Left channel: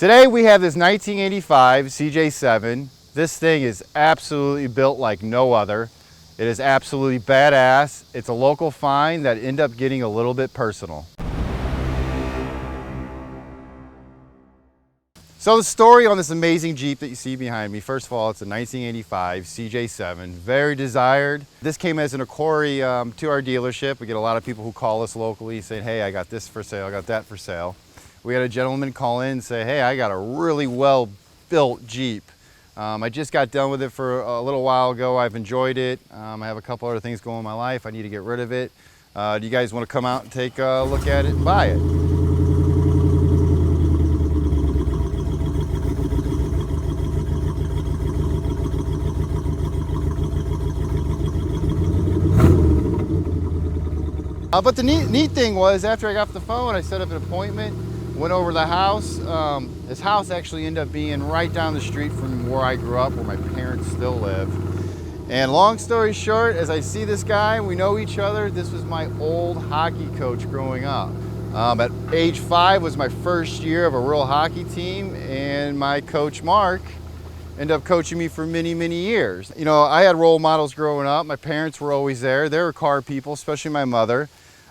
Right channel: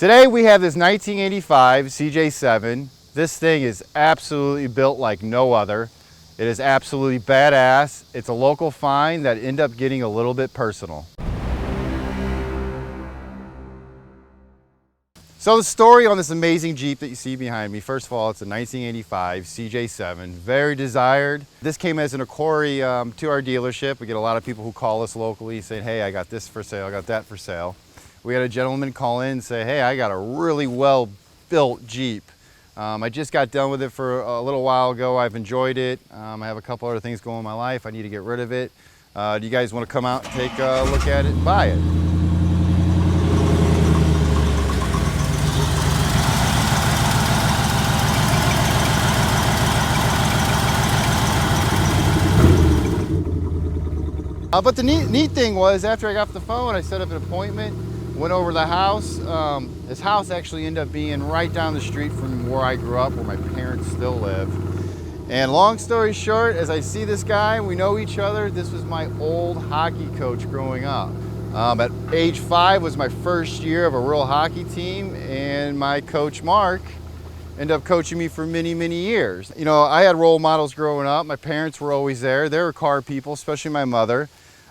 Today we have this 1985 CJ7. This thing is absolutely built like no other. It is absolutely badass. It's a local find that ended up getting a little bit personal. So the story on this amazing Jeep that you see behind me, first of all, it's a 1985 CJ7, very desired. This came as an inquiry to our dealership. We get a lot of people who call us locally saying, hey, I got this for sale, I got that for sale. We had a gentleman call in and say, hey, I got a really well-built Jeep. I just got done with it for a little while ago. I've enjoyed it. I have a couple other things going in my life. I need to get rid of it. Do you guys want to come out and take a look at it and buy it? But the neat thing was, after I got off the phone, I set up an appointment, went over to the house. This house actually ended up being right down the street from where I grew up, where my parents still live. And long story short, as I see this guy, we know each other. This was my old hockey coach growing up. At age 5 was my first year of a real hockey team, and my coach, Mark, ended up coaching me for many, many years. You know, I had role models growing up. My parents were always there. They were car people, especially my mother.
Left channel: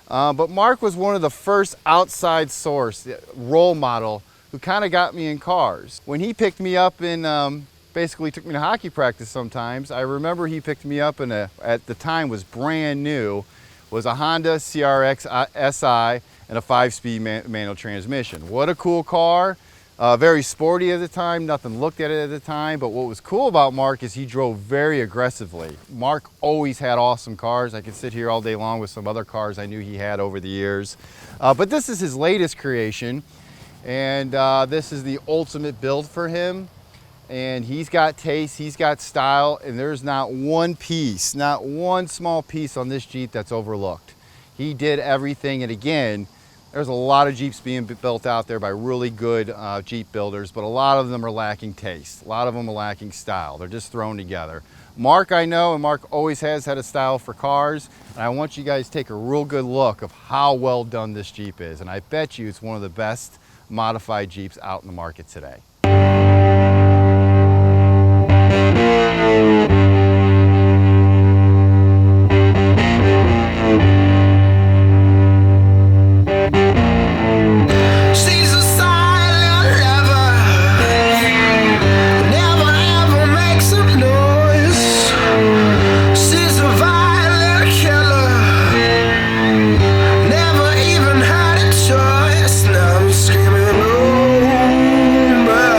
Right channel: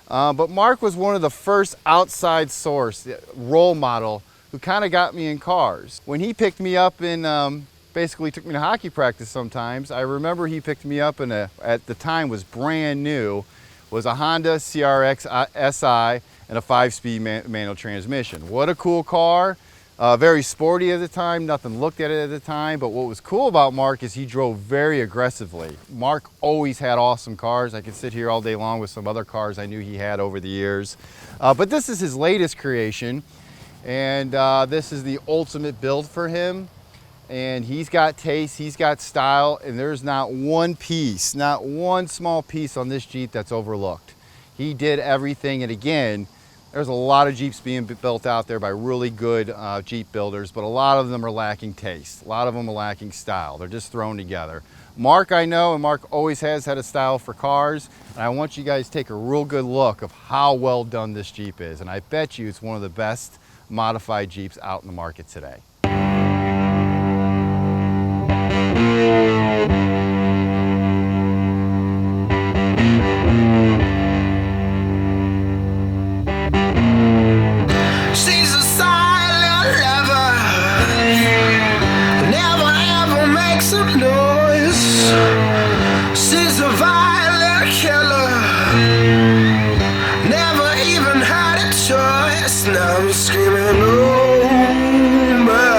But Mark was one of the first outside source, role model, who kind of got me in cars. When he picked me up and basically took me to hockey practice sometimes, I remember he picked me up in at the time was brand new, was a Honda CRX SI and a 5-speed manual transmission. What a cool car. Very sporty at the time, nothing looked at it at the time, but what was cool about Mark is he drove very aggressively. Mark always had awesome cars. I could sit here all day long with some other cars I knew he had over the years. But this is his latest creation, and this is the ultimate build for him. And he's got taste, he's got style, and there's not one piece, not one small piece on this Jeep that's overlooked. He did everything, and again, there's a lot of Jeeps being built out there by really good Jeep builders, but a lot of them are lacking taste. A lot of them are lacking style. They're just thrown together. Mark, I know, and Mark always has had a style for cars, and I want you guys to take a real good look of how well done this Jeep is, and I bet you it's one of the best modified Jeeps out in the market today. Screaming, oh, but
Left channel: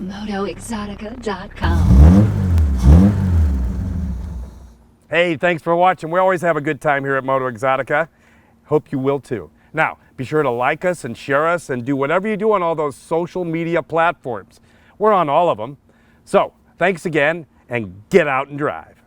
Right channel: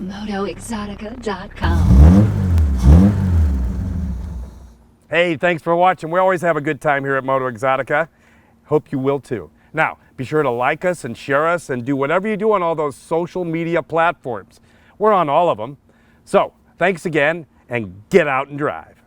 MotoExotica.com. Hey, thanks for watching. We always have a good time here at Moto Exotica. Hope you will too. Now, be sure to like us and share us and do whatever you do on all those social media platforms. We're on all of them. So, thanks again and get out and drive.